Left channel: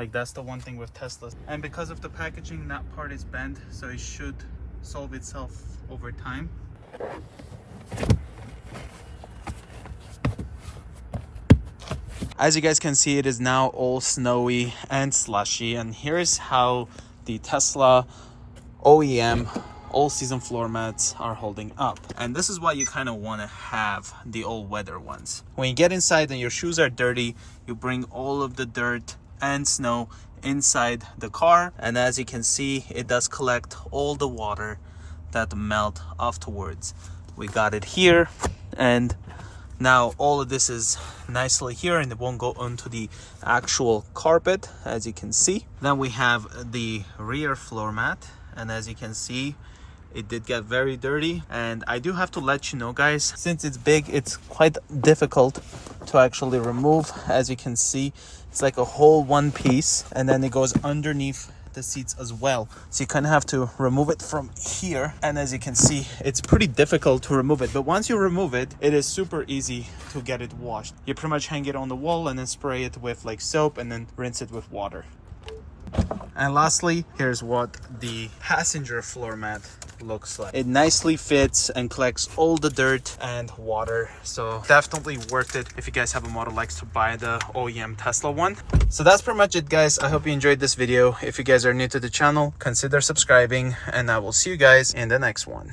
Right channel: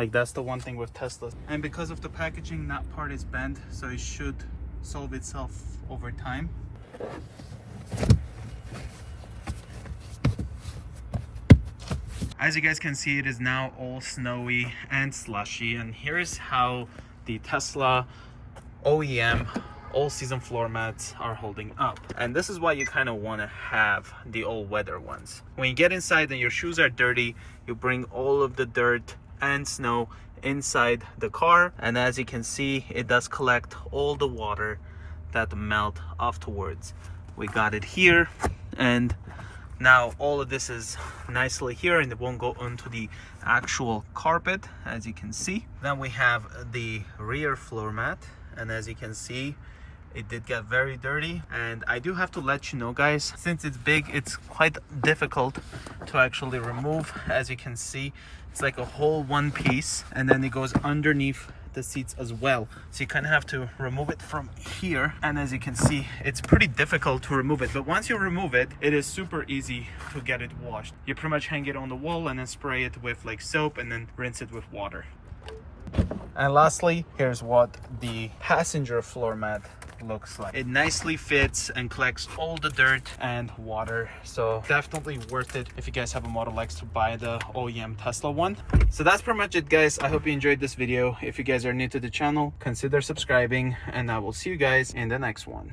Like, that's the one thing with Teslas. And because of the packaging, that part is bent, so it should solve itself over time. As you guys can see, it is now all snowy and slushy, and here's how the Tesla OEM all-season floor mats are holding up. And this is why you kind of want to have the all-weather ones. When you get inside and your shoes are dirty, you bring all of the dirt and snow inside the car, and as you can see, it does collect all the water that melt afterwards. We got it here, and now all of this is nicely here and it won't go onto the actual carpet, as you can see. Then we have the rear floor mat, and as you can see, it did get very dirty. And I do have to let you know, guys, since it's big, it's quite difficult to actually remove. As you can see, it's like a whole one piece, and then it goes underneath the seats as well, so you kind of have to remove it from here. And as you can see, it's pretty difficult to remove it, but once you remove it, it is super easy to get it washed. You pretty much hang it on the wall and then spray it with like soap and then rinse it with water. And lastly, here's what the passenger floor mat looks like. It nicely fits and collects all the dirt and water, so definitely worth it if you guys have a Model X to buy the OEM Tesla one. So that's pretty much it, guys. I hope you enjoyed this video. If you guys are new to the channel, consider subscribing, and I will see you guys in the next one.